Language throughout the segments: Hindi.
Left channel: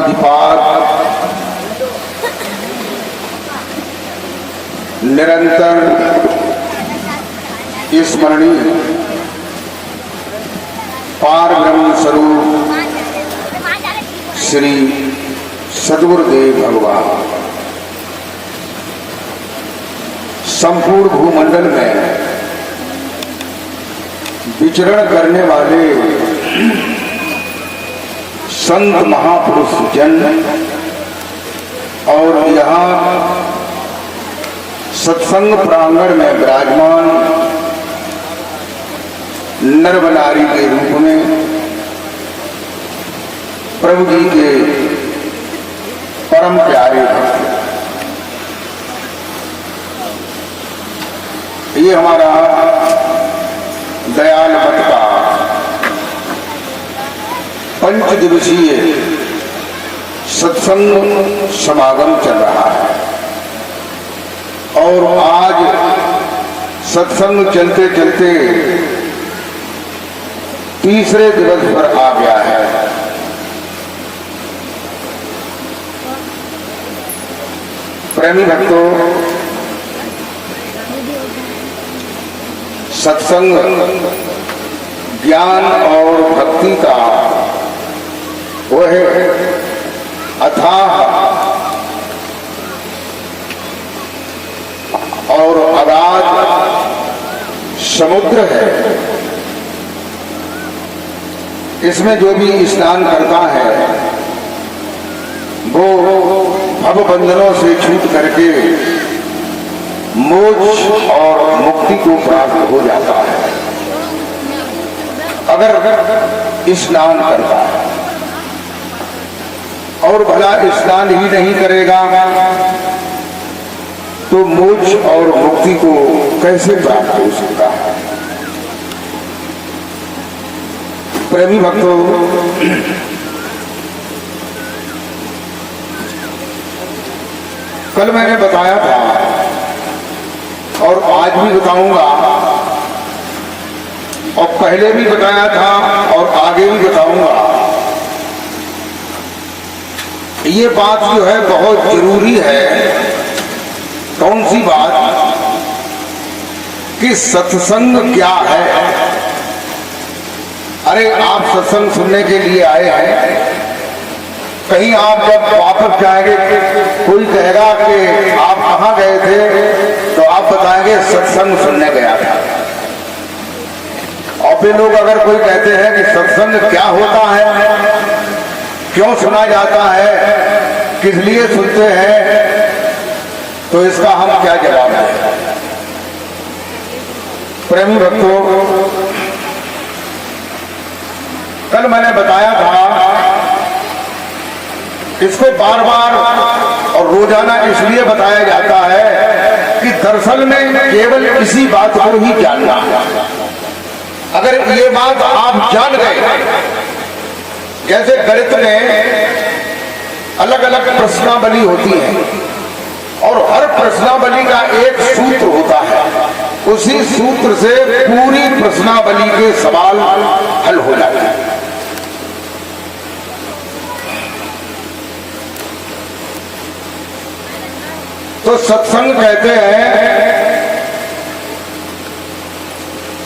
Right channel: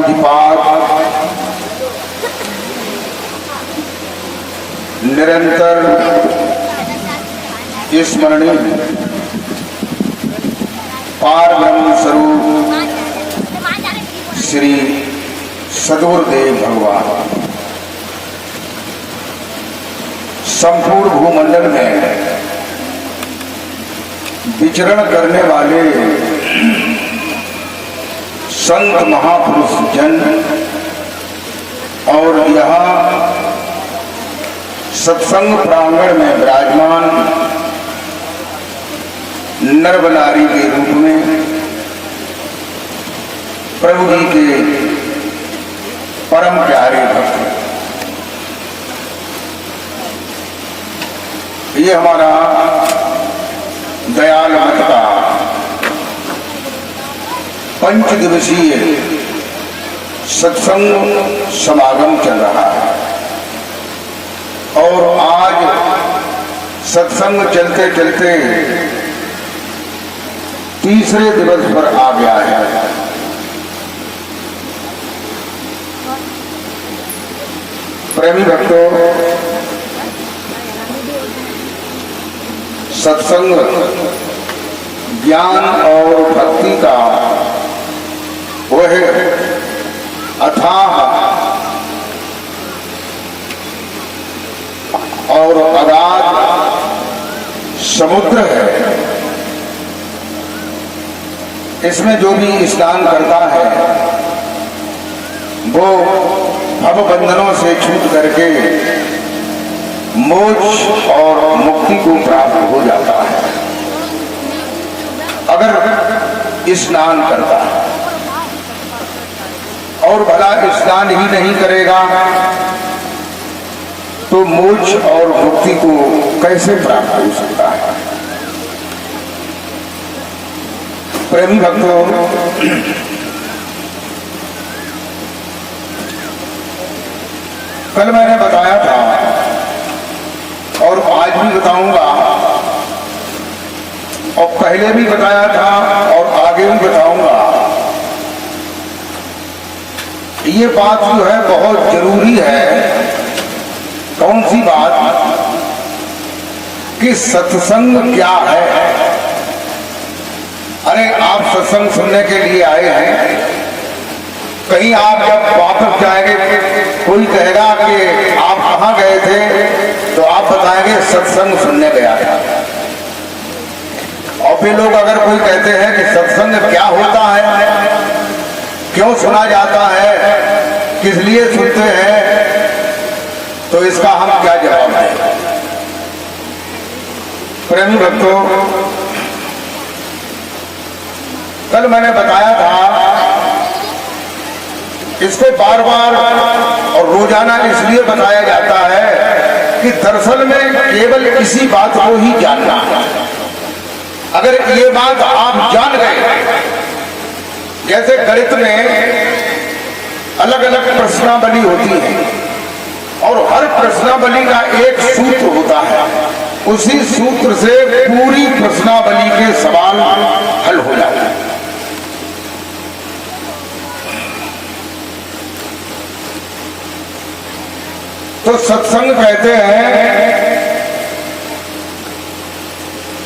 विधिपात निरंतर स्मरणीय पार ब्रह्म स्वरूप श्री सद्गुरुदेव भगवान संपूर्ण भूमंडल में विचरण करने वाले संत महापुरुष जन और यहाँ सत्संग प्रांगण में विराजमान नरबनारी के रूप में प्रभु जी के परम प्यारे भक्त, ये हमारा दयाल मठ का 5 दिवसीय सत्संग समागम चल रहा है और आज सत्संग चलते चलते तीसरे दिवस पर आ गया है। प्रेमी भक्तों, सत्संग ज्ञान और भक्ति का वह अथाह और अगाध समुद्र है। इसमें जो भी स्नान करता है वो भवबंधनों से छूट करके मोक्ष और मुक्ति को प्राप्त हो जाता है अगर स्नान करता है। और भला स्नान ही नहीं करेगा तो मोक्ष और मुक्ति को कैसे प्राप्त हो सकता है। प्रेमी भक्तों, कल मैंने बताया था और आज भी बताऊंगा और पहले भी बताया था और आगे भी बताऊंगा। ये बात जो है बहुत जरूरी है। कौन सी बात? कि सत्संग क्या है। अरे आप सत्संग सुनने के लिए आए हैं, कहीं आप जब वापस जाएंगे कोई कहेगा कि आप कहाँ गए थे तो आप बताएंगे सत्संग सुनने गया था। और फिर लोग अगर कोई कहते हैं कि सत्संग क्या होता है, क्यों सुना जाता है, किस लिए सुनते हैं, तो इसका हम क्या जवाब दें। प्रेमी भक्तों, कल मैंने बताया था, इसको बार बार और रोजाना इसलिए बताया जाता है कि दरअसल में केवल इसी बात को ही जानना। अगर ये बात आप जान गए, जैसे गणित में अलग अलग प्रश्नावली होती है और हर प्रश्नावली का एक सूत्र होता है, उसी सूत्र से पूरी प्रश्नावली के सवाल हल हो जाते हैं। तो सत्संग कहते हैं,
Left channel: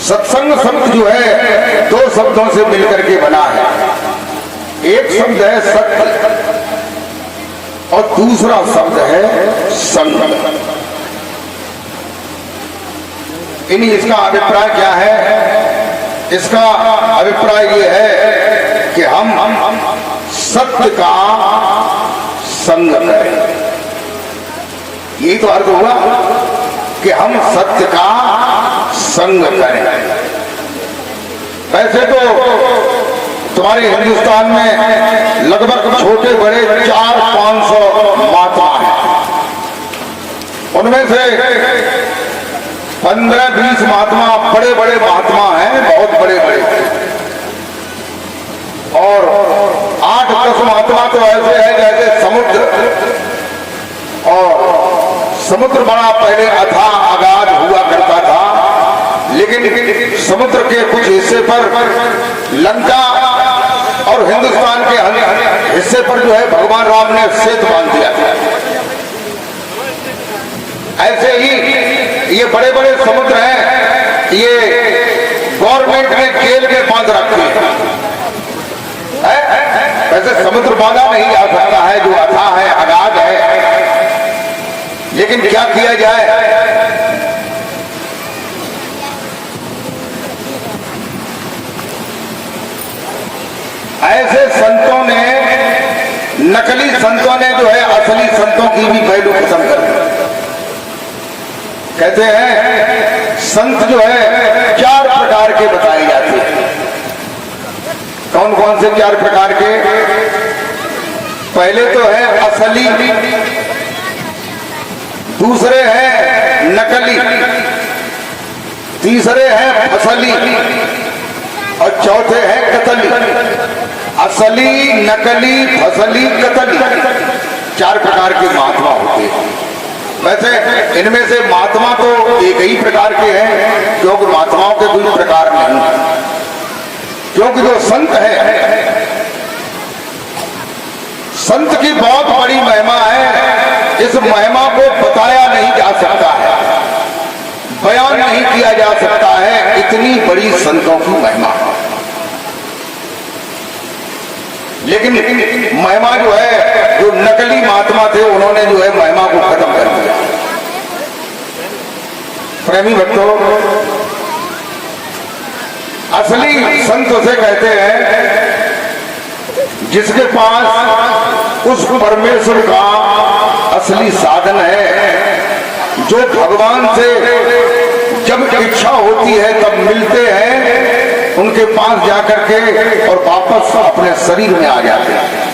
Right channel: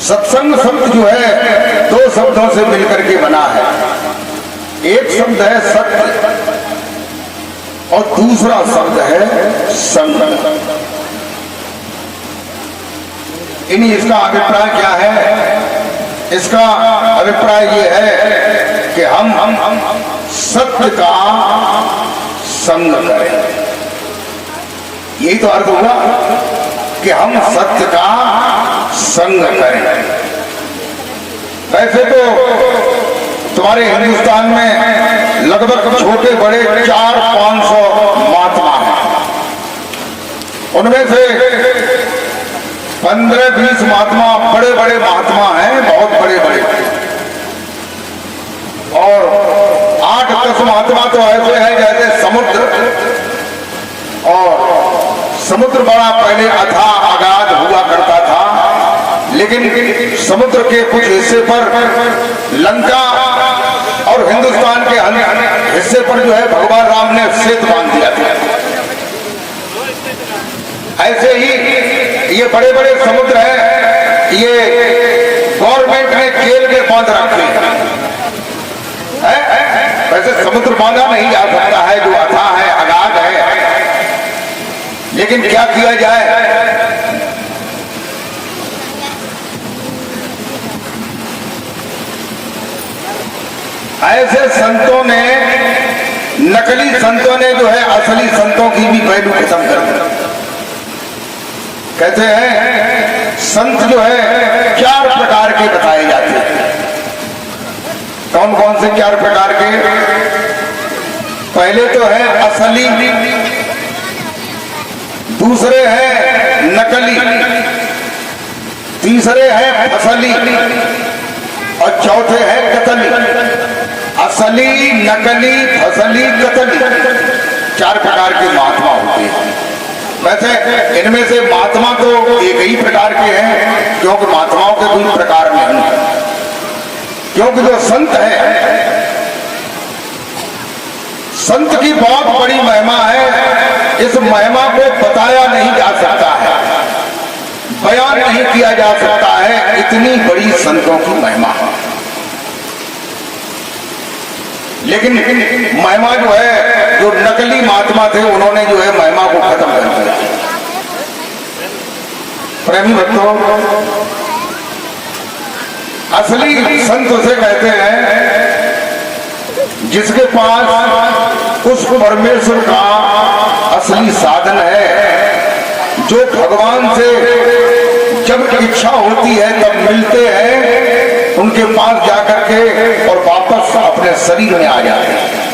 सत्संग शब्द जो है 2 शब्दों से मिलकर के बना है। एक शब्द है सत्य और दूसरा शब्द है संग। इसका अभिप्राय क्या है? इसका अभिप्राय ये है कि हम सत्य का संग करें। यही तो अर्थ हुआ कि हम सत्य का संग करें। वैसे तो तुम्हारे हिंदुस्तान में लगभग छोटे बड़े 400-500 महात्मा हैं। उनमें से 15-20 महात्मा बड़े बड़े महात्मा हैं, बहुत बड़े बड़े, और 8-10 महात्मा तो ऐसे हैं जैसे समुद्र। और समुद्र बड़ा पहले अथाह अगाध हुआ करता था, लेकिन समुद्र के कुछ हिस्से पर लंका और हिंदुस्तान के अन्य हिस्से पर जो है भगवान राम ने सेतु बांध दिया था। ऐसे ही ये बड़े बड़े समुद्र हैं, ये गवर्नमेंट ने जेल में बांध रखे हैं। वैसे समुद्र बांधा नहीं जा सकता है, जो अथाह है, अगाध है, लेकिन क्या किया जाए। ऐसे संतों ने, नकली संतों ने जो है असली संतों की भी पहलू खत्म कर दिया। कहते हैं संत जो है 4 प्रकार के बताए जाते हैं। कौन कौन से 4 प्रकार के? पहले तो है असली, दूसरे हैं नकली, तीसरे हैं फसली और चौथे हैं कतली। असली, नकली, फसली, कतली, 4 प्रकार के महात्मा होते हैं। वैसे इनमें से महात्मा तो एक ही प्रकार के हैं, क्योंकि महात्माओं के कोई प्रकार नहीं है। क्योंकि जो संत है, संत की बहुत बड़ी महिमा है। इस महिमा को बताया नहीं जा सकता है, बयान नहीं किया जा सकता है, इतनी बड़ी संतों की महिमा है। लेकिन महिमा जो है, जो नकली महात्मा थे उन्होंने जो है महिमा को खत्म कर दिया। प्रेमी भक्तों, असली संत उसे कहते हैं जिसके पास उस परमेश्वर का असली साधन है, जो भगवान से जब इच्छा होती है तब मिलते हैं, उनके पास जाकर के और वापस अपने शरीर में आ जाते हैं।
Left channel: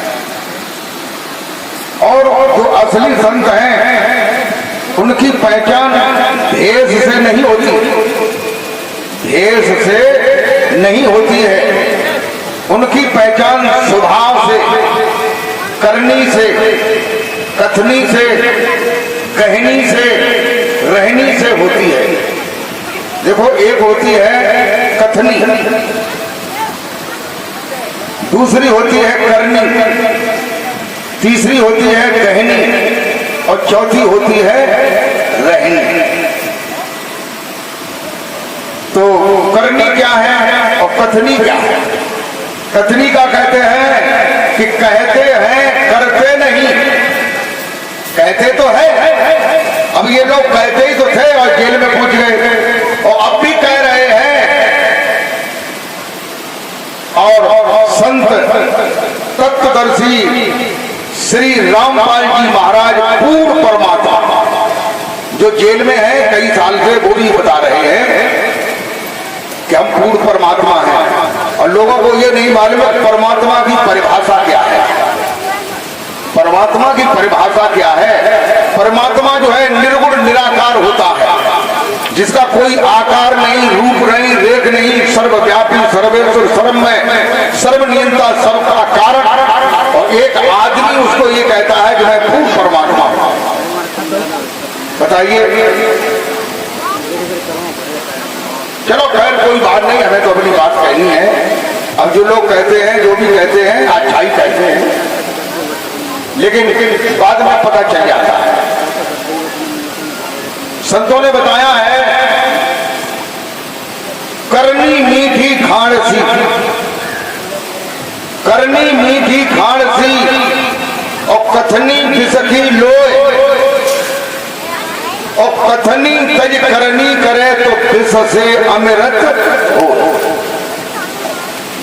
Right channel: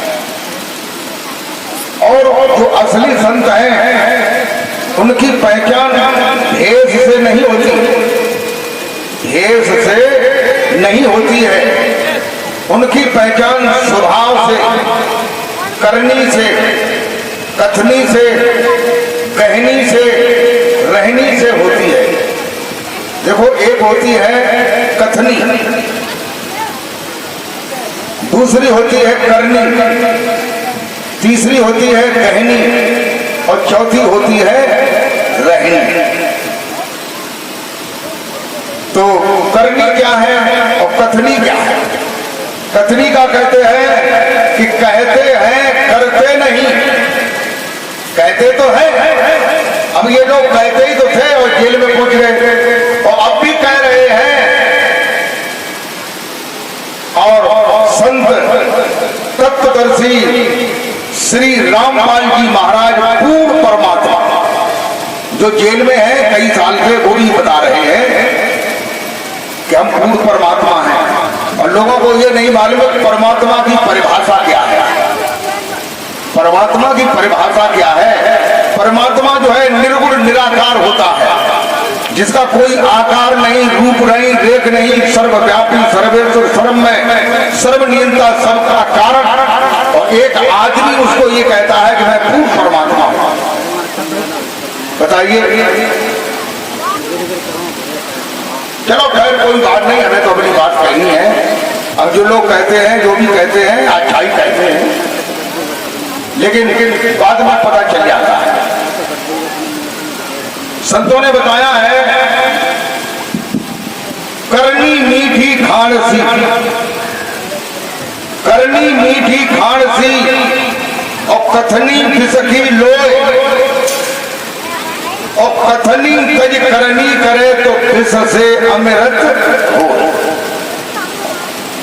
और जो असली संत हैं उनकी पहचान भेष से नहीं होती, भेष से नहीं होती है। उनकी पहचान स्वभाव से, करनी से, कथनी से, कहनी से, रहनी से होती है। देखो, एक होती है कथनी, दूसरी होती है करनी, तीसरी होती है कहनी और चौथी होती है रहनी। तो करनी क्या है और कथनी क्या है? कथनी का कहते हैं कि कहते हैं करते नहीं। कहते तो है, अब ये लोग कहते ही तो थे और जेल में पहुंच गए और अब भी कह रहे हैं। और संत तत्वदर्शी श्री रामपाल जी महाराज पूर्ण परमात्मा जो जेल में है कई साल से, वो भी बता रहे हैं कि हम पूर्ण परमात्मा हैं। और लोगों को ये नहीं मालूम है परमात्मा की परिभाषा क्या है। परमात्मा की परिभाषा क्या है? परमात्मा जो है निर्गुण निराकार होता है, जिसका कोई आकार नहीं, रूप नहीं, रेख नहीं, सर्वव्यापी, सर्वेश्वर, सर्वमय, सर्वनियंता, सबका कारण। और एक आदमी उसको ये कहता है कि मैं पूर्ण परमात्मा हूं। बताइए। चलो खैर कोई बात नहीं, हमें तो अपनी बात कहनी है। अब जो लोग कहते हैं, जो भी कहते हैं, अच्छा ही कहते हैं, लेकिन बाद में पता चल जाता है। संतों ने बताया है, करनी मीठी खाण सी, करनी मीठी खाण सी और कथनी फिसकी लोए, और कथनी तज करनी करे तो फिस से अमृत हो।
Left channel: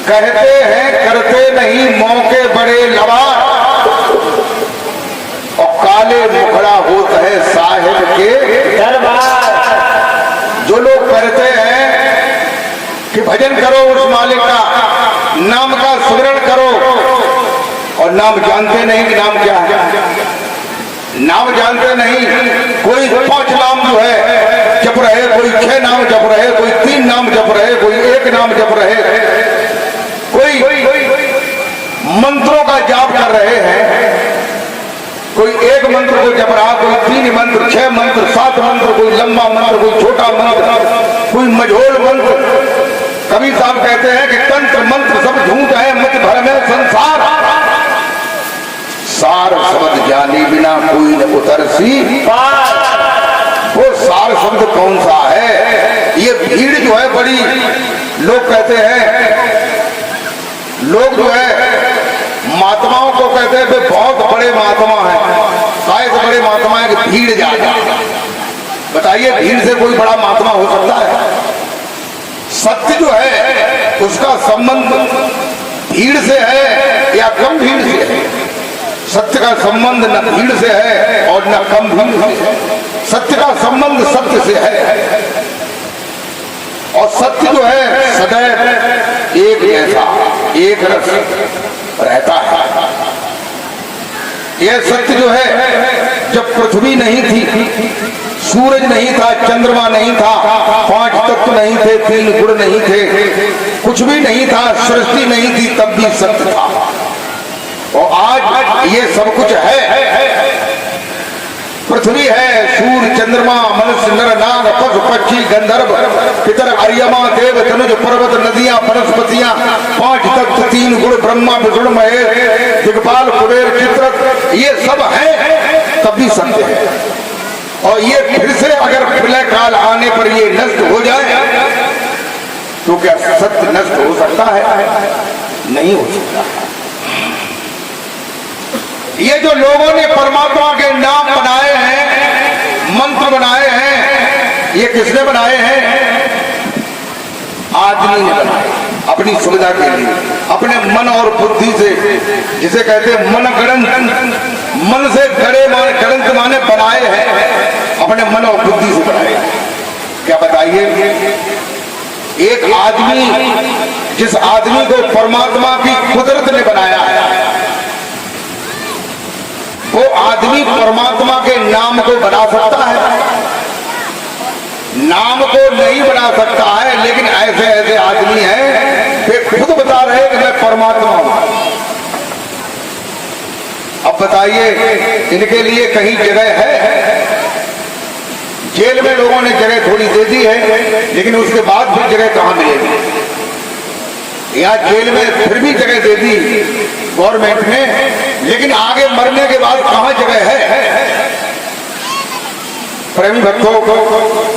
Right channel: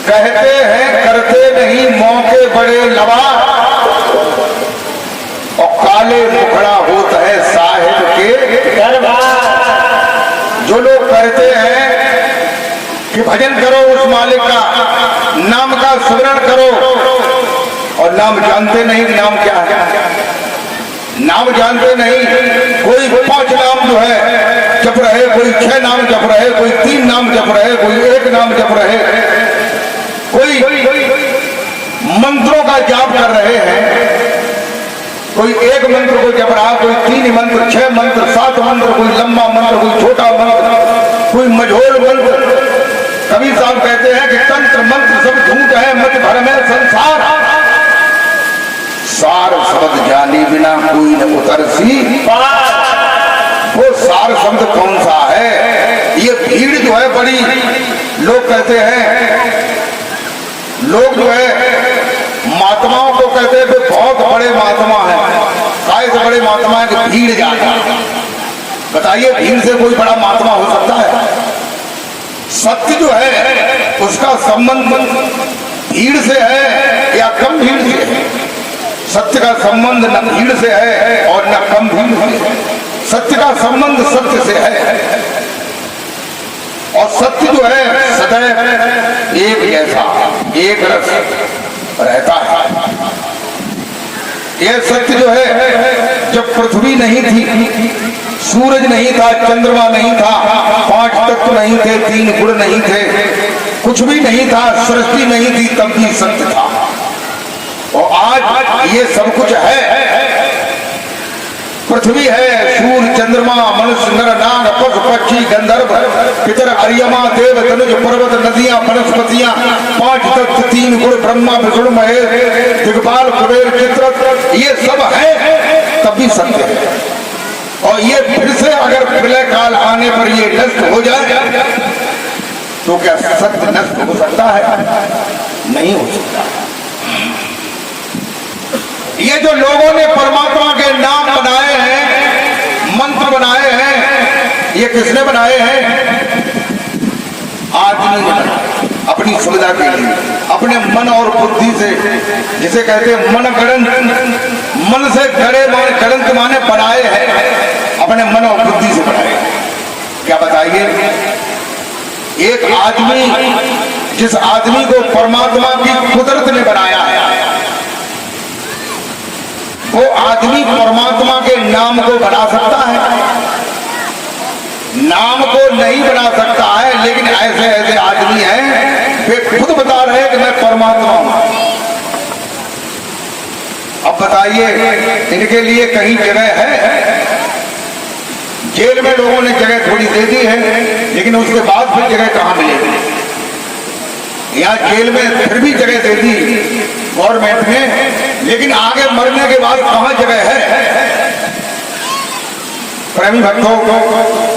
कहते हैं करते नहीं, मौके बड़े लवार, और काले मुखड़ा होता है साहिब के दरबार। जो लोग कहते हैं कि भजन करो उस मालिक का, नाम का स्मरण करो, और नाम जानते नहीं कि नाम क्या है, नाम जानते नहीं। कोई 5 नाम जो है जप रहे, कोई 6 नाम जप रहे, कोई 3 नाम जप रहे, कोई 1 नाम जप रहे, कोई मंत्रों का जाप कर रहे हैं। कोई 1 मंत्र को जप रहा, कोई 3 मंत्र, 6 मंत्र, 7 मंत्र, कोई लंबा मंत्र, कोई छोटा मंत्र, कोई मझोल मंत्र कबीर साहब कहते हैं कि तंत्र मंत्र सब झूठ है, मत भरम है संसार, सार शब्द जानी बिना कोई न उतरसी पार। वो सार शब्द कौन सा है? ये भीड़ जो है बड़ी, लोग कहते हैं, लोग जो है महात्माओं को कहते हैं बहुत बड़े महात्मा हैं, काय से बड़े महात्मा है कि भीड़ ज्यादा। बताइए भीड़ से कोई बड़ा महात्मा हो सकता है? सत्य जो है उसका संबंध भीड़ से है या कम भीड़ से है? सत्य का संबंध न भीड़ से है और न कम भीड़ से है। सत्य का संबंध सत्य से है और सत्य जो है सदैव एक जैसा एक रस रहता है। यह सत्य जो है जब पृथ्वी नहीं थी, सूरज नहीं था, चंद्रमा नहीं था, 5 तत्व नहीं थे, 3 गुण नहीं थे, कुछ भी नहीं था, सृष्टि नहीं थी, तब भी सत्य था। और आज ये सब कुछ है, पृथ्वी है, सूर्य, चंद्रमा, मनुष्य, नर, नाग, पशु, पक्षी, गंधर्व, पितर, अर्यमा, देव, धनुष, पर्वत, नदियां, वनस्पतियां, 5 तत्व, 3 गुण, ब्रह्मा, विष्णु, महेश, दिग्पाल, कुबेर, चित्ररथ, ये सब है तब भी सत्य है। और ये फिर से अगर प्रलय काल आने पर ये नष्ट हो जाए तो क्या सत्य नष्ट हो सकता है? नहीं हो सकता। ये जो लोगों ने परमात्मा के नाम बनाए हैं, मंत्र बनाए हैं, ये किसने बनाए हैं? आदमी ने बनाए अपनी सुविधा के लिए, अपने मन और बुद्धि से, जिसे कहते हैं मन गणंत, मन से गड़े माने, गणंत माने बनाए हैं, अपने मन और बुद्धि से बनाए हैं। क्या बताइए, एक आदमी, जिस आदमी को परमात्मा की कुदरत ने बनाया है, वो आदमी परमात्मा के नाम को बना सकता है? नाम को नहीं बना सकता है, लेकिन ऐसे ऐसे आदमी हैं वे खुद बता रहे हैं कि मैं परमात्मा हूं। अब बताइए इनके लिए कहीं जगह है? जेल में लोगों ने जगह थोड़ी दे दी है, लेकिन उसके बाद फिर जगह कहां मिलेगी? यहाँ जेल में फिर भी जगह दे दी गवर्नमेंट ने, लेकिन आगे मरने के बाद कहां जगह है? प्रेमी भक्तों,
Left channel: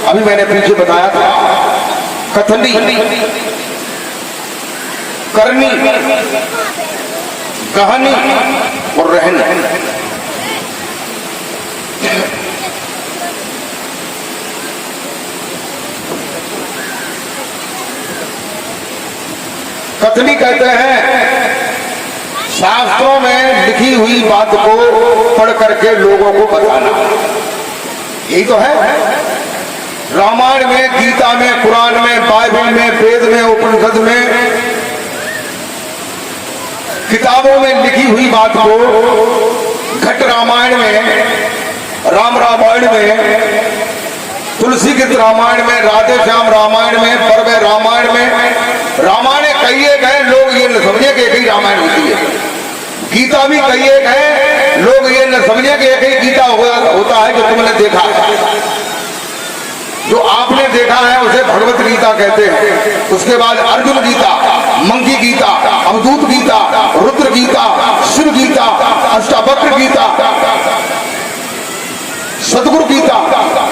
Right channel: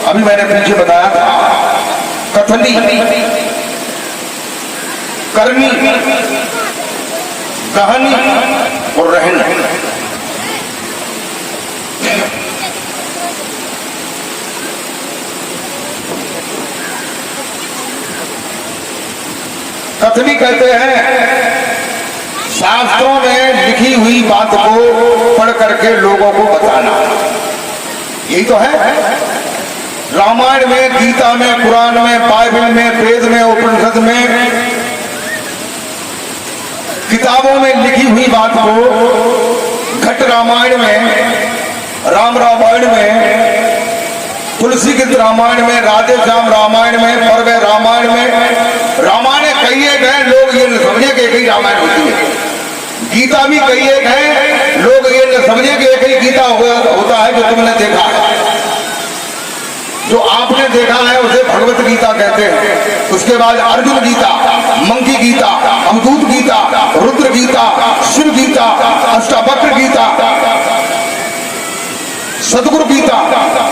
अभी मैंने पीछे बताया था, कथनी, करनी, कहानी और रहनी। कथनी कहते हैं शास्त्रों में लिखी हुई बात को पढ़ करके लोगों को बताना, यही तो है। रामायण में, गीता में, कुरान में, बाइबल में, वेद में, उपनिषद में, किताबों में लिखी हुई बात को घट रामायण में, राम रामायण में, तुलसी गीत रामायण में, राधे श्याम रामायण में, पर्व रामायण में, रामायण कई एक है, लोग ये न समझे कि एक ही रामायण होती है। गीता भी कई एक है, लोग ये न समझे कि एक ही गीता होता है जो तुमने देखा है। जो आपने देखा है उसे भगवत गीता कहते हैं। उसके बाद अर्जुन गीता, मंकी गीता, अवधूत गीता, रुद्र गीता, शिव गीता, अष्टावक्र गीता, सदगुरु गीता,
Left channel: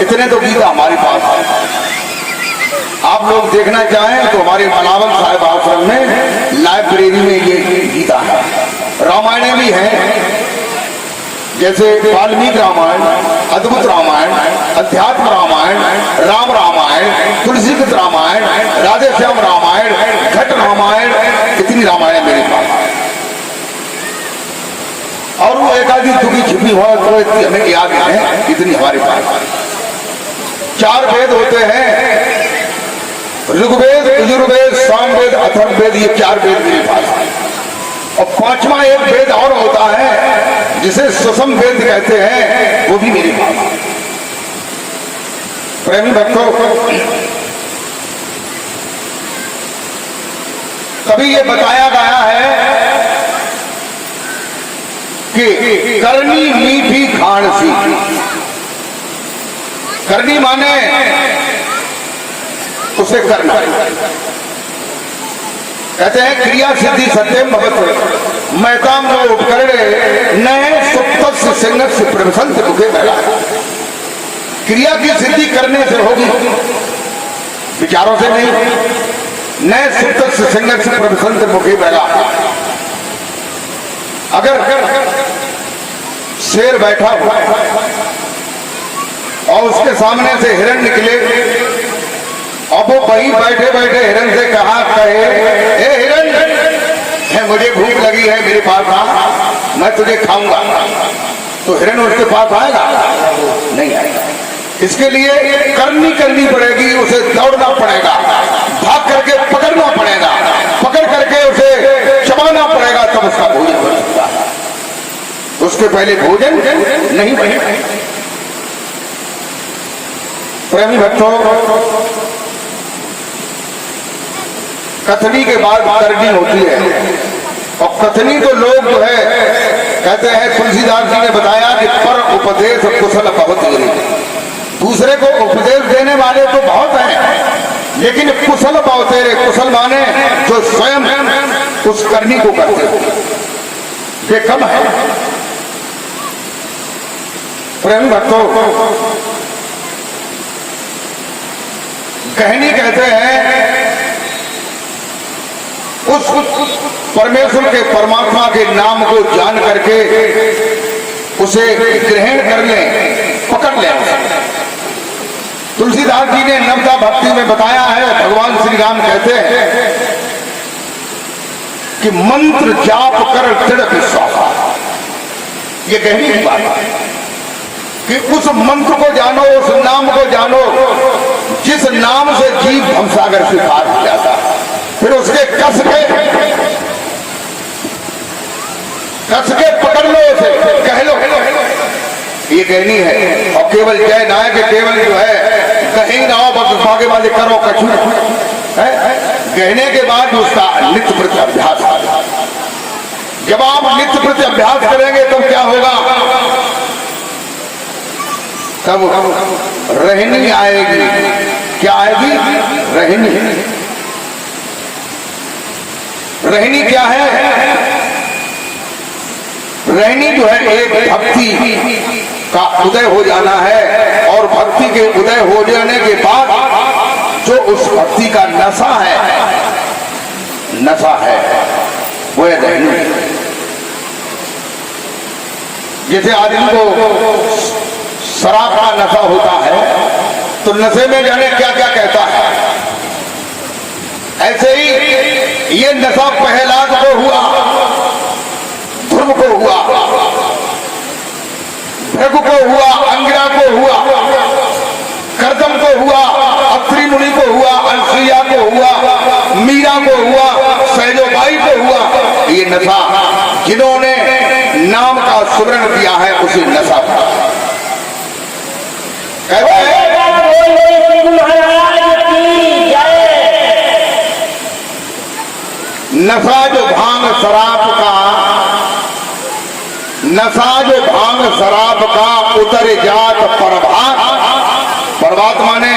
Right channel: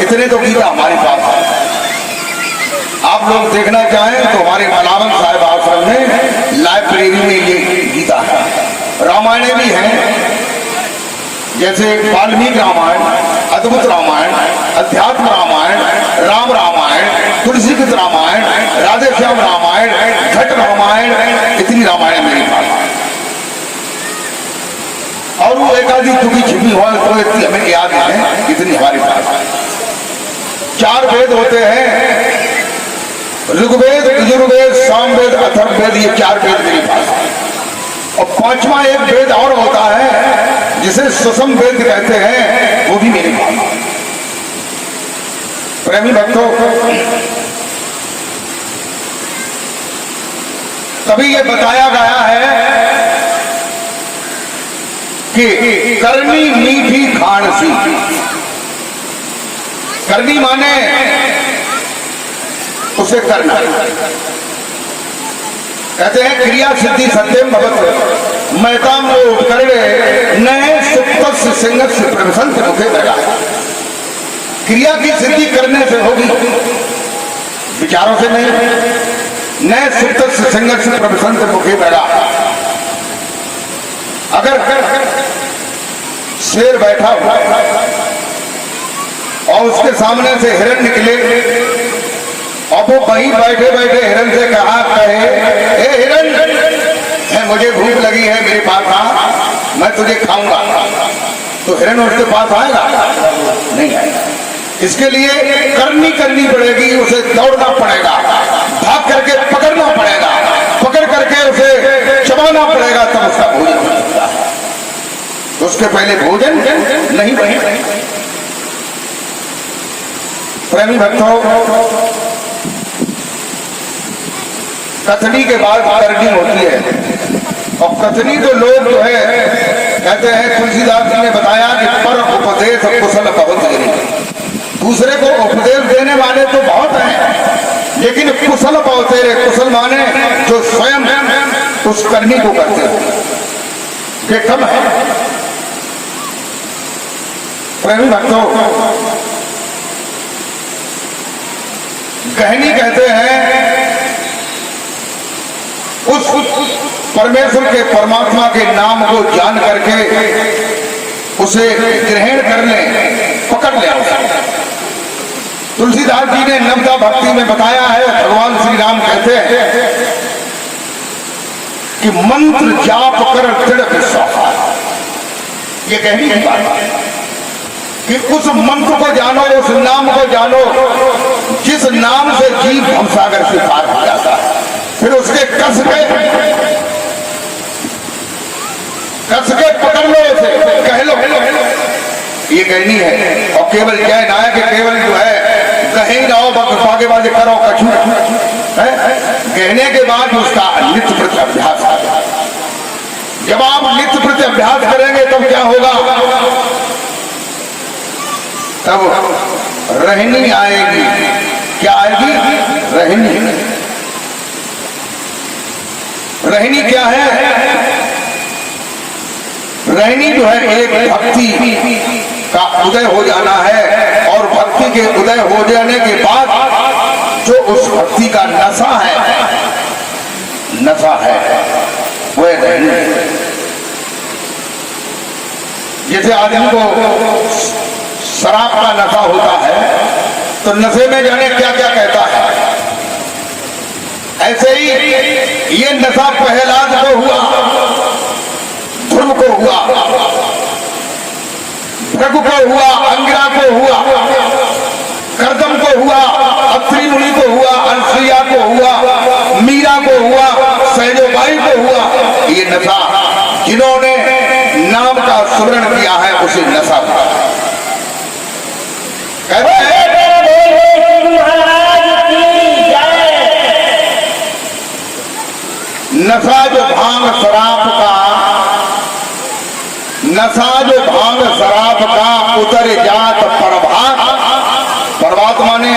इतने तो गीता हमारे पास है। आप लोग देखना चाहें तो हमारे मलावन साहिब आश्रम में लाइब्रेरी में ये गीता है। रामायण भी है, जैसे वाल्मीकि रामायण, अद्भुत रामायण, अध्यात्म रामायण, राम रामायण, तुलसी गीत रामायण, राधे श्याम रामायण, घट रामायण, इतनी रामायण मेरे पास। और वो एकादी दुखी छिपी हुआ तो इतनी हमें याद है, इतनी हमारे पास। 4 वेद होते हैं, ऋग्वेद, यजुर्वेद, सामवेद, अथर्ववेद, ये 4 वेद मेरे पास। और 5वां एक वेद और होता है जिसे सुषम वेद कहते हैं, वो भी मेरे पास। प्रेमी भक्तों, कभी ये बताया गया है कि करनी मीठी खान सी। करनी माने उसे करना, कहते हैं क्रिया सिद्धि सत्यम भगत मैताम को उपकरणे नए सुप्त सिंह प्रवसंत मुखे लगा। क्रिया की सिद्धि करने से होगी, विचारों से नहीं। नए सुप्त सिंह प्रवसंत मुखे लगा। अगर शेर बैठा हुआ और उसके सामने से हिरण निकले और वो वहीं बैठे बैठे हिरण से कहे ए हिरण, मुझे भूख लगी है, मेरे पास आ, मैं तुझे खाऊंगा, तो हिरण उसके पास आएगा? नहीं आएगा। इसके लिए करनी पड़ेगी, उसे दौड़ना पड़ेगा, भाग करके पकड़ना पड़ेगा, पकड़ करके उसे चबाना पड़ेगा, तब उसका भोजन हो सकता है। उसके पहले भोजन नहीं बनेगा। प्रेमी भक्तों, कथनी के बाद करनी होती है, और कथनी तो लोग जो है कहते हैं, तुलसीदास जी ने बताया कि पर उपदेश कुशल बहुत गिरे। दूसरे को उपदेश देने वाले तो बहुत हैं, लेकिन कुशल बहुत है। कुशल माने जो स्वयं उस करनी को करते हैं, ये कम है। प्रेमी भक्तों, कहनी कहते हैं उस परमेश्वर के परमात्मा के नाम को जान करके उसे ग्रहण करने पकड़ लिया। तुलसीदास जी ने नवदा भक्ति में बताया है, भगवान श्री राम कहते हैं कि मंत्र जाप कर दृढ़ विश्वास। ये कहनी की बात है कि उस मंत्र को जानो, उस नाम को जानो जिस नाम से जीव भवसागर से पार हो जाता है। फिर उसके कस के पकड़ लो, उसे कह लो, ये कहनी है। और केवल जय ना है कि केवल जो है कहीं ना हो, बागे बागे करो कछु है। कहने के बाद उसका नित्य प्रति अभ्यास है। जब आप नित्य प्रति अभ्यास करेंगे तब क्या होगा? तब रहनी आएगी। क्या आएगी? रहनी। रहनी क्या है? रहनी जो है एक भक्ति का उदय हो जाना है, और भक्ति के उदय हो जाने के बाद जो उस भक्ति का नशा है वो है रहनी। जैसे आदमी को शराब का नशा होता है तो नशे में जाने क्या क्या कहता है, ऐसे ही ये नशा प्रहलाद को हुआ, ध्रुव को हुआ, भृगु को हुआ, अंगिरा को हुआ, कर्दम को हुआ, अत्रि मुनि को हुआ, अनसुईया को हुआ, मीरा को हुआ, सहजोबाई को हुआ। ये नशा जिन्होंने नाम का सुमरण किया है उसे नशा था। नशा जो भांग शराब का उतर जात प्रभात माने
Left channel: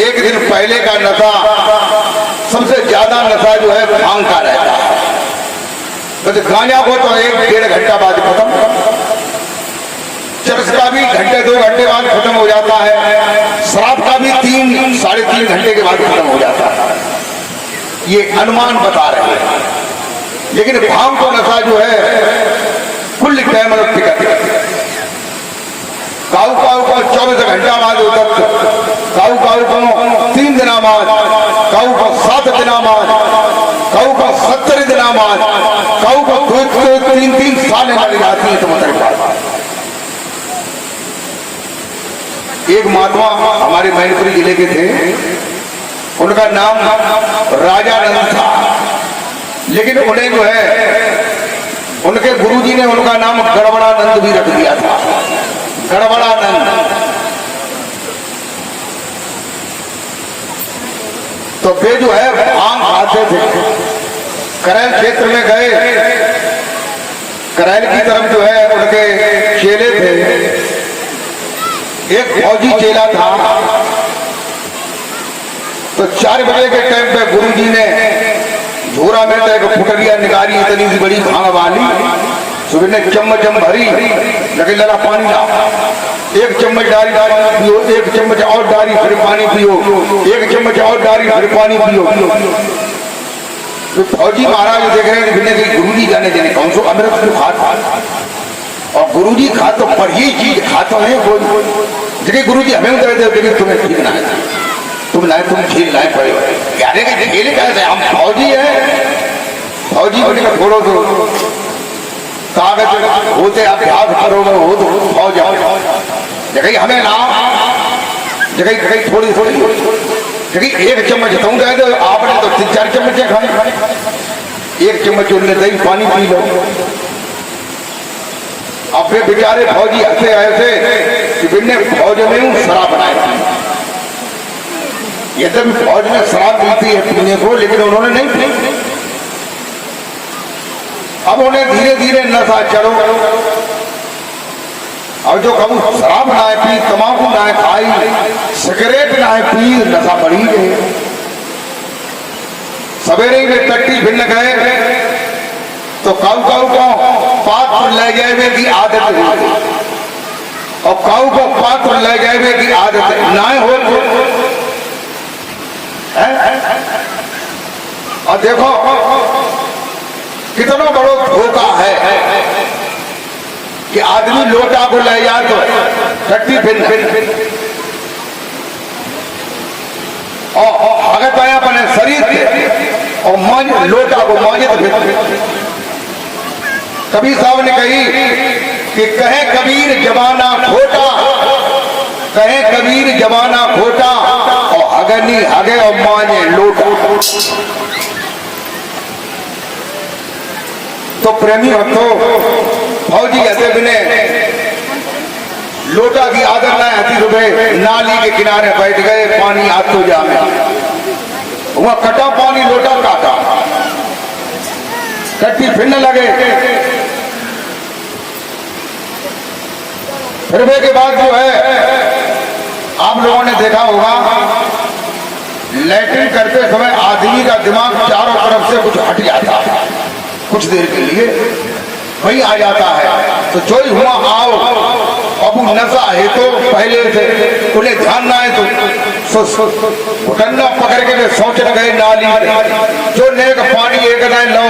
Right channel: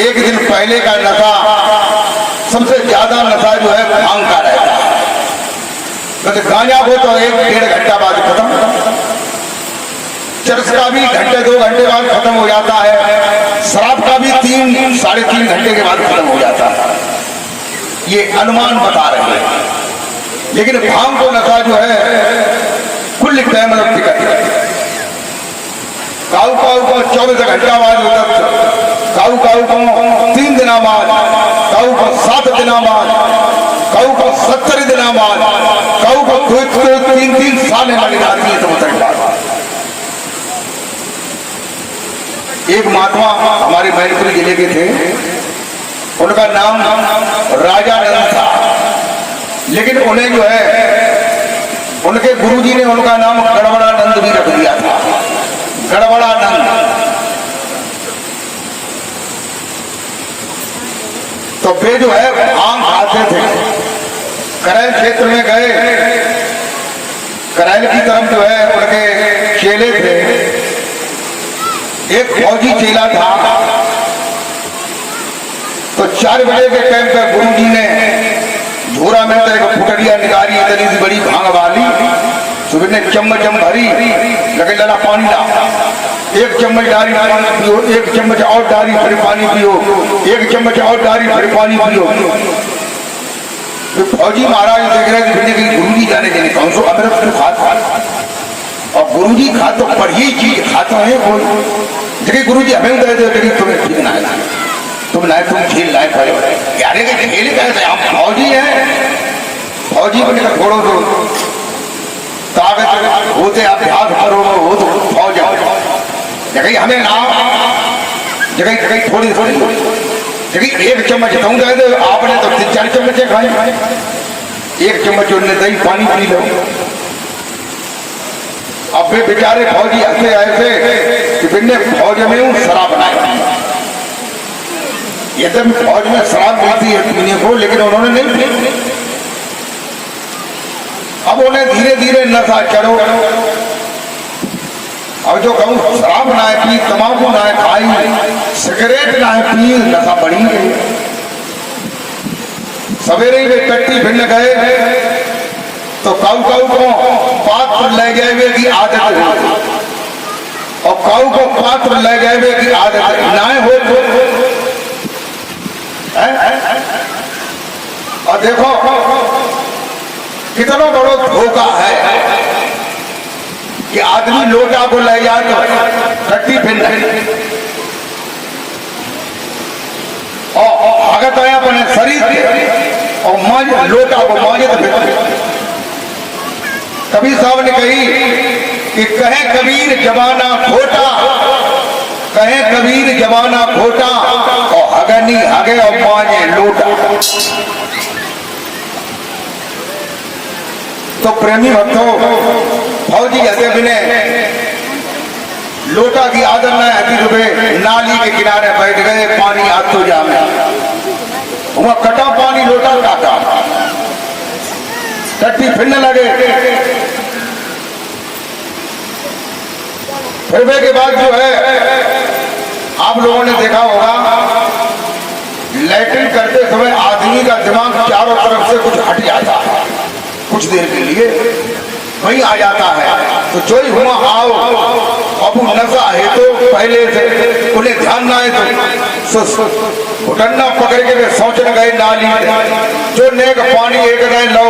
एक दिन पहले का नशा, सबसे ज्यादा नशा जो है भांग का रहता है। तो गांजा को तो 1-1.5 घंटा बाद खत्म, चरस का भी घंटे 2 घंटे बाद खत्म हो जाता है, शराब का भी 3-3.5 घंटे के बाद खत्म हो जाता है। ये अनुमान बता रहे हैं। लेकिन भांग को नशा जो है कुल टाइम टिकट काऊ को 24 घंटा बाद उतर, काऊ को 3 दिन बाद, काऊ को 7 दिन बाद, काऊ को 70 दिन बाद, काऊ को 2-3 साल लग जाती है तो मतलब। एक महात्मा हमारे मैनपुरी जिले के थे, उनका नाम राजानंद था, लेकिन उन्हें जो है उनके गुरुजी ने उनका नाम गड़बड़ानंद भी रख दिया था। गड़बड़ानंद। तो वे जो है भांग खाते थे। करैल क्षेत्र में गए, करैल की तरफ जो है उनके चेले थे। एक फौजी चेला था, तो 4 बजे के टाइम पे गुरुजी ने झोरा में तो एक फुटरिया निकाली इतनी सी बड़ी भांग वाली, सुबह ने चम्मच भरी, लगे लगा पानी ला, एक चम्मच डाली पानी पियो, एक चम्मच और डाली फिर पानी पियो, एक चम्मच और डाली फिर पानी पियो। तो फौजी महाराज देख रहे हैं कि गुरु जी जाने देने कौन सो अमृत तो खाता, और गुरु जी खा तो बढ़िया चीज खाते हैं वो, देखिए गुरु जी हमें दे दे तुम्हें ठीक ना है, तुम लाए तुम खेल लाए पड़े यारे के खेल कैसे, हम फौजी हैं, फौजी को थोड़ो तो कागज होते अभ्यास करो हो तो फौज आओ, जगह हमें ना जगह थोड़ी थोड़ी जगह एक चम्मच कहूँ दे दो, आपने तो 3-4 चम्मच खाई, एक चम्मच उनने दही पानी पी लो। अब वे बेचारे फौजी ऐसे ऐसे कि बिन्ने फौज में हूँ शराब बनाई, ये तो फौज में शराब पीती है पीने को, लेकिन उन्होंने नहीं पी। अब उन्हें धीरे धीरे नशा चढ़ो, अब जो कहूँ शराब ना पी, तम्बाकू ना खाई, सिगरेट ना पी, नशा बढ़ी गई। सवेरे वे टट्टी भिन्न गए तो काऊ काऊ को पात्र ले गए की आदत हो, और काऊ को पात्र ले गए की आदत ना हो। और देखो कितना बड़ा धोखा है कि आदमी लोटा को ले जाए तो टट्टी भिन्न, और अगर आया अपने शरीर के और मांझ लोटा को मांझे तो कबीर साहब ने कही कि कहे कबीर जमाना खोटा, कहे कबीर जमाना खोटा, और हगनी हगे और मांझे लोटा। तो प्रेमी भक्तों, फौजी हते बिने लोटा की आदत न आती, रुपए नाली के किनारे बैठ गए, पानी हाथ तो जामे, वह कटा पानी लोटा काटा, कट्टी फिरने लगे। फिरने के बाद जो है आप लोगों ने देखा होगा, लैट्रिन करते समय आदमी का दिमाग चारों तरफ से कुछ हट जाता है, कुछ देर के लिए वही आ जाता है। तो जो ही हुआ आओ, अब नशा है तो पहले से उन्हें ध्यान ना है तो डंडा पकड़ के वे सोचने गए नाली, जो नेक पानी एक दाएं लो,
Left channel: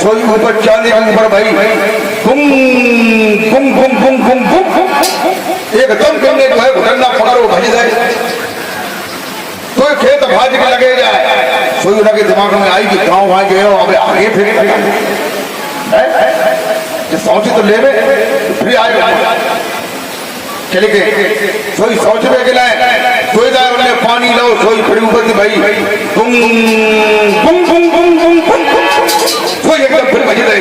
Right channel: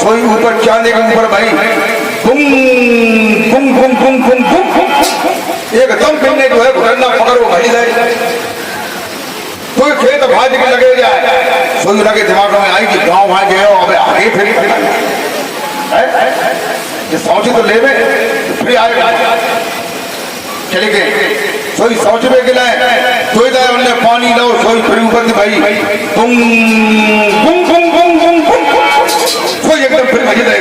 सोई ऊपर जाने के ऊपर भाई गुम गुम गुम गुम गुम गुम, एकदम पीने जो है डंडा पकड़ो भज जाए, तो खेत भाज के लगे जाए, सोई लगे दिमाग में आई कि गाँव वहां गए हो, अब आगे फिर सोचे तो ले फिर आए चले गए, सोई सोच में गिला सोई जाए उन्हें पानी लो, सोई फिर ऊपर से भाई गुम गुम गुम गुम गुम गुम, सोई एकदम फिर भज गए,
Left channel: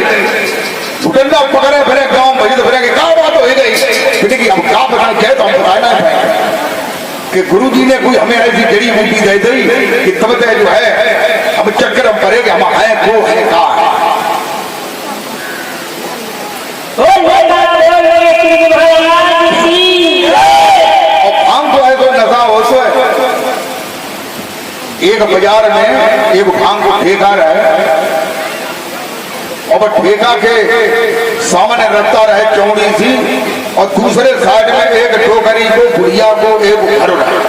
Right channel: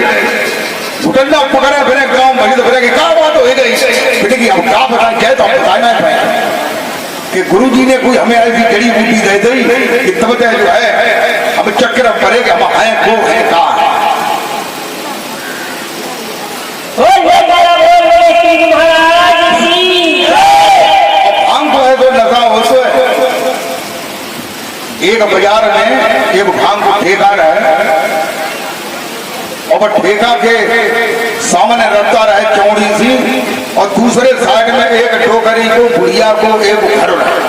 डंडा पकड़े फिर गाँव भज तो फिर क्या बात हो गई बेटे की, अब क्या पता क्या तो हम बताना है कि गुरु जी ने कोई हमें ऐसी जड़ी बूटी दे दी कि तब जो है अब चक्कर हम पड़े कि हम है को है कहा है। भांग जो है तो नशा हो तो है, एक बाजार में एक भांग को ठेका है, और ठेका के सामने रखता रहे चौड़ी सी, और दूसरे साइड में एक टोकरी को बुढ़िया को एक घर रहे,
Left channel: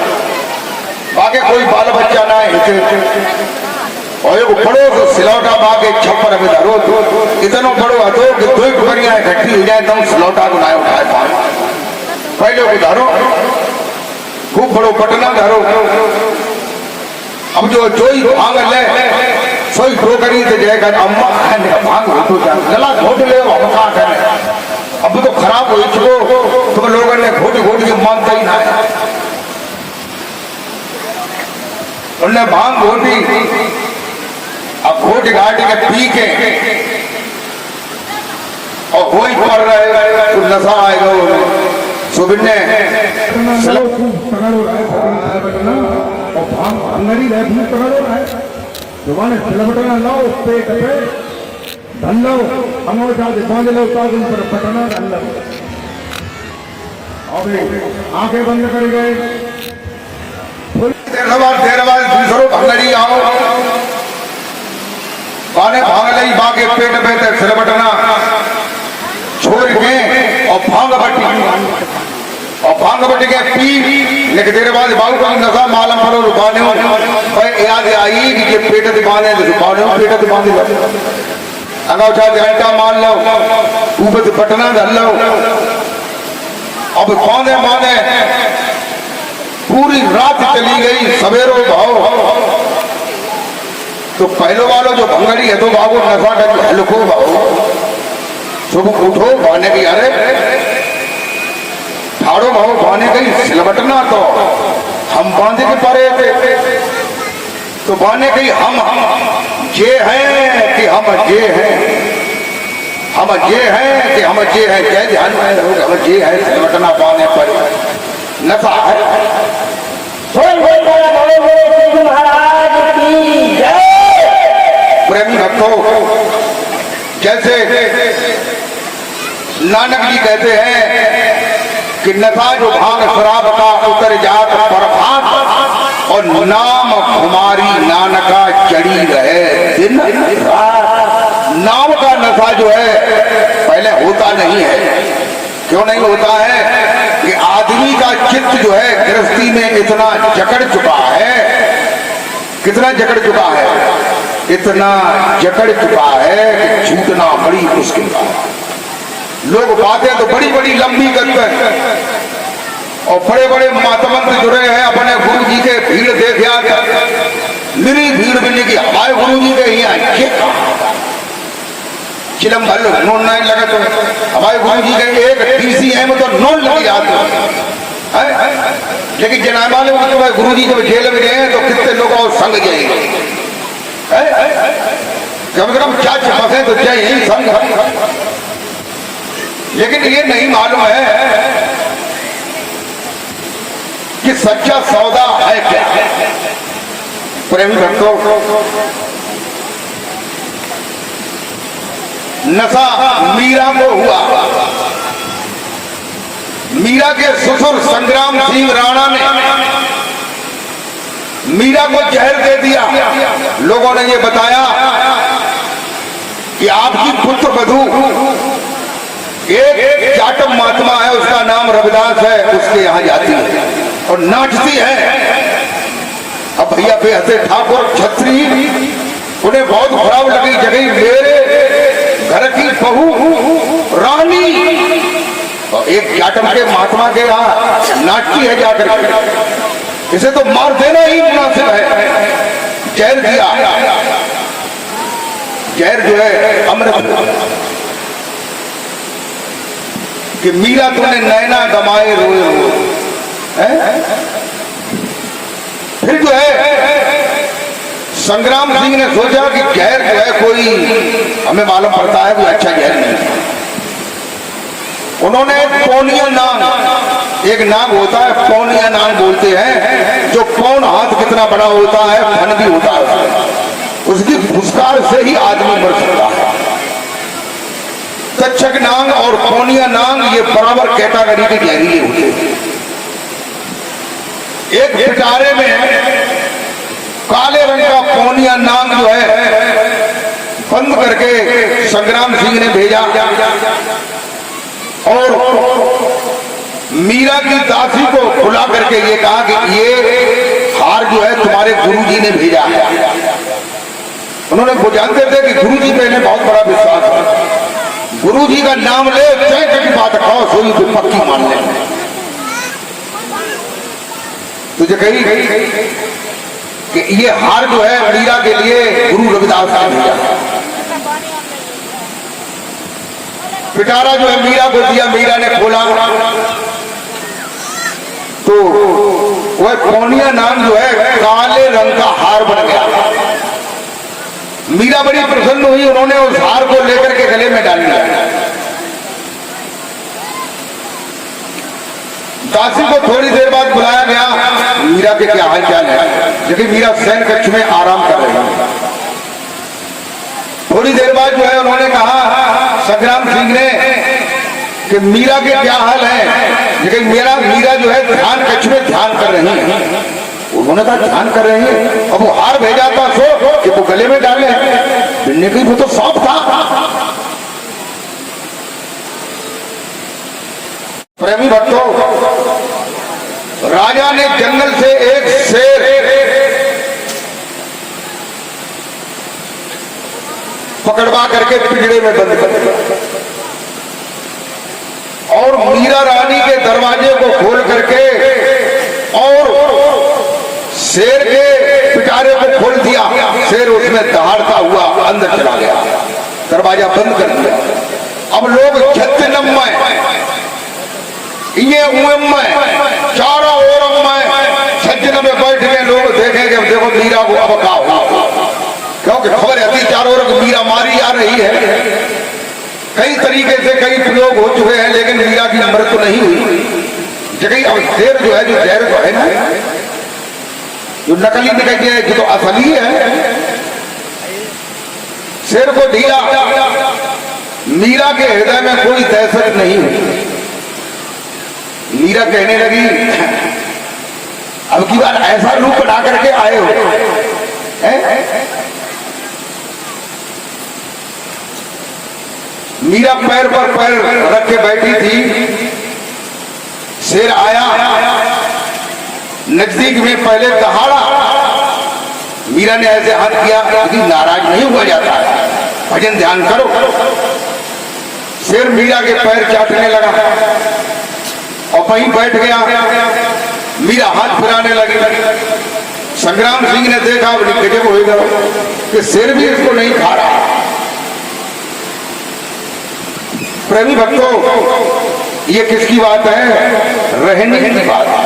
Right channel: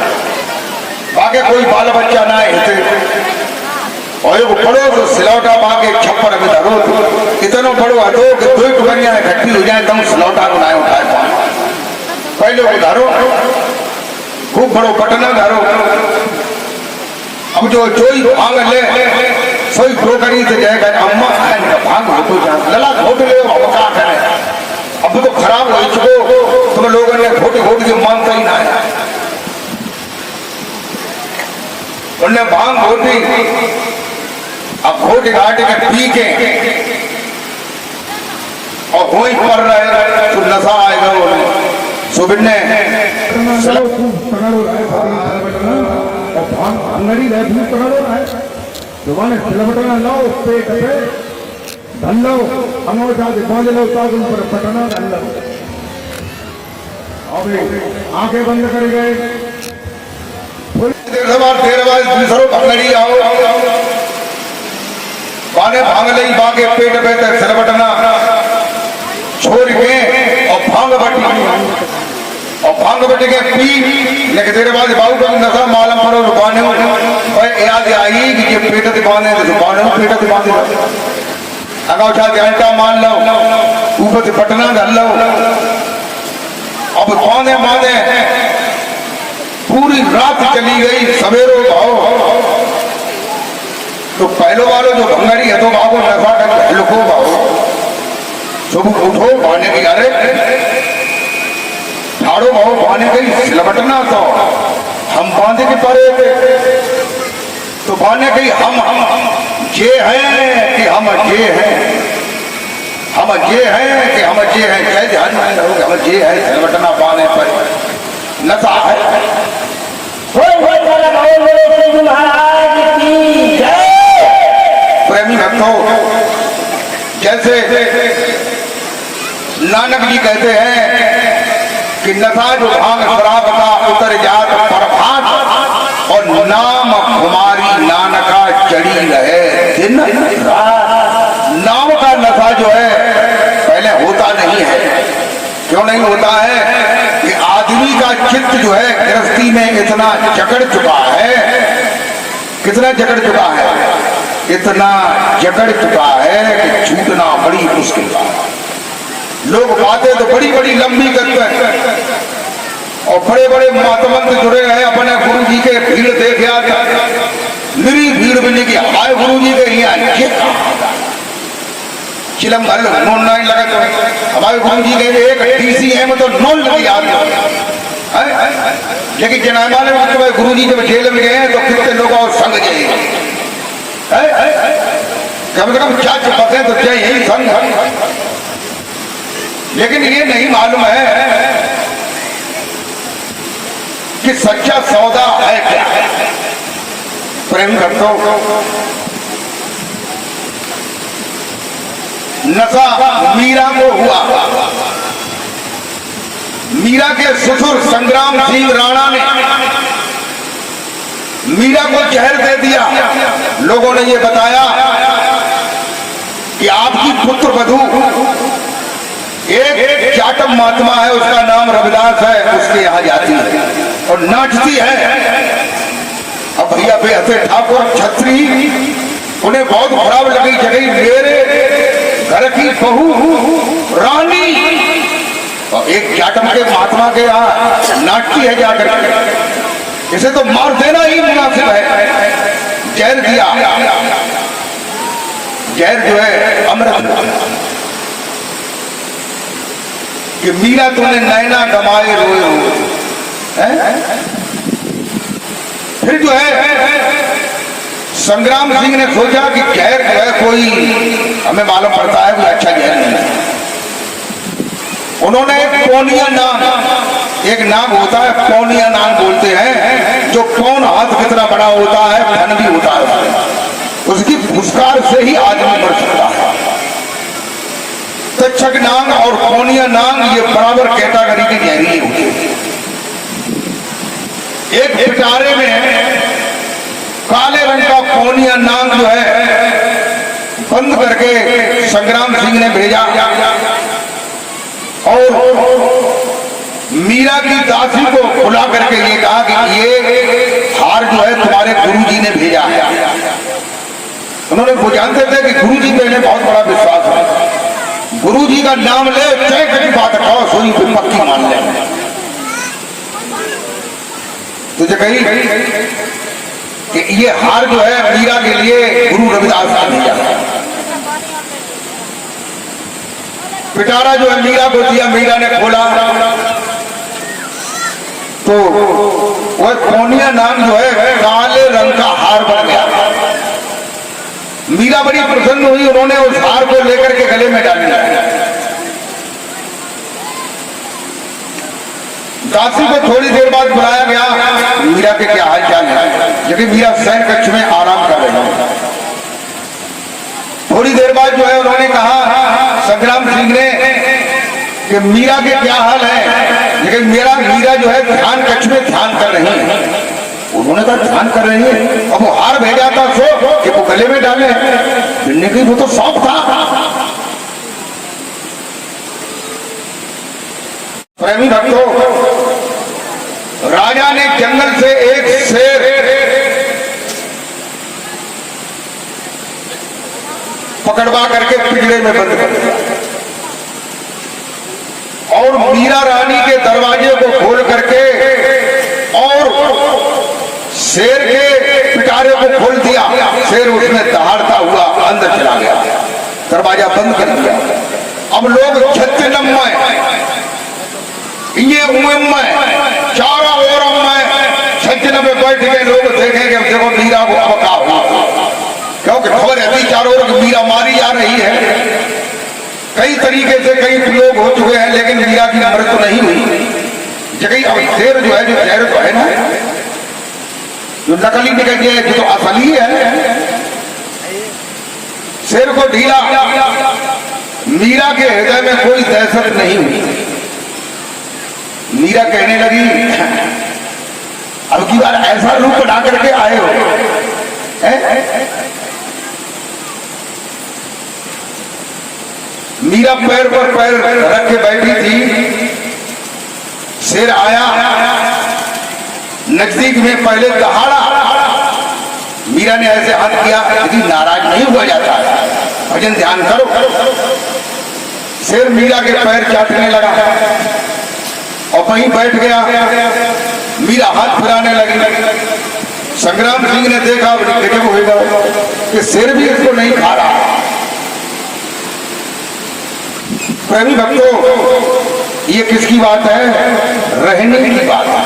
बाकी कोई बाल बच्चा ना है, और एक बड़ो सिलौटा बाके छप्पर में धरो, इतना बड़ो हटो कि 2 टुकड़ियां इकट्ठी हो जाए तब सिलौटा को ना उठाए पाए, पहले को धरो खूब बड़ो पटना धरो। अब जो ही भांग ले सोई टोकरी से जाएगा, अम्मा भांग हो जा लला घोट ले, हम क्या करें, अब तो खराब हो चुको, तुम लोगों ने घोट घोट के मांगता ही ना है, उन्हें भांग घोटी, अब घोट घाट के पी के और हो ही पड़ रहे तो नशा आएगा उन्हें, सुबह ने और भांग अंगड़ी रहे भूत पकड़ो रहा है, जुबान सिलबटना लाओ पेट पे धन लो, अंगूठा से बांध लो, ताकि ऊपर पटना धन लो, अब आंखें बंद कर गए, देर बाद दूसरों अंगड़ी आओ, बाने भांगलई बागे पेट पे ते सिर बटना छोड़ के और भांग बट के पी लेकिन तेरे बाद बाबू को नशा मालम पर रुपाने याद आई कि ये पेट दिबाने रुपाने पेट दिबाने अगर उठा जानता मान लो ऊपर से बटना धर लो अब बांधे बांधे पूरी रात चली गई सवेरो भाव तो पहले वालों जो भंगड़ी है तो बाबू नशा कर लुको भाव सुबह उठो बाने की अरे ठाड़ो भाव बाने गई सिलबटना तो हम बांधे के परे तो बाने गई हम जे हैं कि हम जे हैं हम जे हैं कि हम जे हैं जय ध्यान में रहोगे हम जे हैं सिलबटना बाने पर नशा है महाराज की जय। प्रेमी भक्तों जैसे नानक जी कहते हैं कि नशा जो भांग शराब का उतर जात प्रभात और नाम हमारी नानका चढ़ी रहे दिन नाम का नशा जो है पहले होता नहीं है। क्यों नहीं होता है कि आदमी का चित्त जो है गृहस्थी में इतना जकड़ चुका है कितना जकड़ चुका है इतना जकड़ चुका है कि छूटना बड़ी मुश्किल है। लोग बातें तो बड़ी बड़ी लंबी करते हैं और बड़े बड़े महात्मंत जुड़े हैं अपने गुरु जी के भीड़ देख आते मेरी भीड़ मिली कि हमारे गुरु जी के यहाँ ये चिलम भर नोन नहीं लगा तो हमारे गुरु जी के एक DCM तो नोन लगी आते लेकिन जनाबा ने गुरु जी जब जेल में गए तो कितने लोग और संग जाएंगे कम से कम क्या बसे तो जय यही संग। लेकिन ये नहीं मालूम है कि सच्चा सौदा है क्या। प्रेमी भक्तों नशा मीरा को हुआ। मीरा के ससुर संग्राम सिंह राणा ने मीरा को जहर दे दिया। लोगों ने ये बताया कि आपकी पुत्र वधू एक जाटव महात्मा है उसका नाम रविदास है उसके यहाँ जाती है और नाचती है। अब भैया बेहते ठाकुर छत्री उन्हें बहुत खराब लगी जगह मेरे घर की बहू रानी और एक जाटव के महात्मा के यहाँ नाचती है जाकर इसे तो मार देना ही मुनासिब है। जहर दिया जहर जो है अमृत कि मीरा तूने नैना गमाए रोए रोए। फिर जो है संग्राम सिंह ने सोचा कि जहर जो है कोई हमें मालूम पड़ता है कोई अच्छा जहर नहीं। उन्होंने एक पौनिया नाग एक नाग होता है पौनिया नाग बोलते हैं जो कौन हाथ कितना बड़ा होता है फन भी होता है उसकी फुसकार से ही आदमी मर सकता है। तक्षक नाग और पौनिया नाग ये बराबर कैटेगरी के जहरीले होते हैं। एक पिटारे में काले रंग का पौनिया नाग जो है बंद करके संग्राम सिंह ने भेजा और मीरा की दासी को खुला करके ये कहा कि ये हार जो है तुम्हारे गुरुजी ने भेजा है। उन्होंने वो जानते थे कि गुरुजी पे इन्हें बहुत बड़ा विश्वास है। गुरुजी का नाम ले चाहे कभी बात खाओ सोई पक्की मान ले। तुझे कही कि ये हार जो है मीरा के लिए गुरु रविदास ने भेजा। पिटारा जो है मीरा को दिया मीरा ने खोला तो वह पौनिया नाम जो है काले रंग का हार बन गया। मीरा बड़ी प्रसन्न हुई उन्होंने उस हार को लेकर के गले में डाल दिया। दासी को थोड़ी देर बाद बुलाया गया मीरा के क्या हाल चाल है क्योंकि मीरा शयन कक्ष में आराम कर रही है। थोड़ी देर बाद जो है उन्होंने कहा संग्राम सिंह ने कि मीरा के क्या हाल है लेकिन मीरा जो है ध्यान कक्ष में ध्यान कर रही है। उन्होंने कहा ध्यान कर रही है अब वो हार भेजा था सो कि वो गले में डाले भिड़ने की, वो तो सांप था। प्रेमी भक्तों, राजा ने जंगल से एक शेर पकड़वा करके पिंजरे में बंद कर दिया और मीरा रानी के दरवाजे को खोल करके और शेर के पिटारे को खोल दिया। शेर उसमें दहाड़ता हुआ अंदर चला गया, दरवाजा बंद कर दिया। अब लोग छत्तीनम ये में चारों ओर छत्तीनम में बैठ गए लोग देखेंगे, देखो मीरा को अब क्या हुआ, क्योंकि खबर ऐसी चारों ओर मीरा मारी जा रही है। कई तरीके से कई प्रयोग हो चुके हैं, लेकिन मीरा की मृत्यु नहीं हुई। जगह अब शेर जो है, जो जहर तो है ना, जो नकली निकल गया है, जो तो असली है। शेर को ढीला, मीरा के हृदय में कोई दहशत नहीं हुई। मीरा कहने लगी, अब की बार ऐसा रूप बना करके आए हो मीरा पैर पर पैर रख के बैठी थी। शेर आया, नजदीक में पहले दहाड़ा। मीरा ने ऐसे हाथ किया, यदि नाराज नहीं हुआ जाता है, भजन ध्यान करो। शेर मीरा के पैर चाटने लगा और वहीं बैठ गया। मीरा हाथ फिराने लगी। संग्राम सिंह ने देखा, गजब होगा कि शेर भी इसको नहीं खा रहा। प्रेमी भक्तों, ये किसकी बात है? रहने की बात है।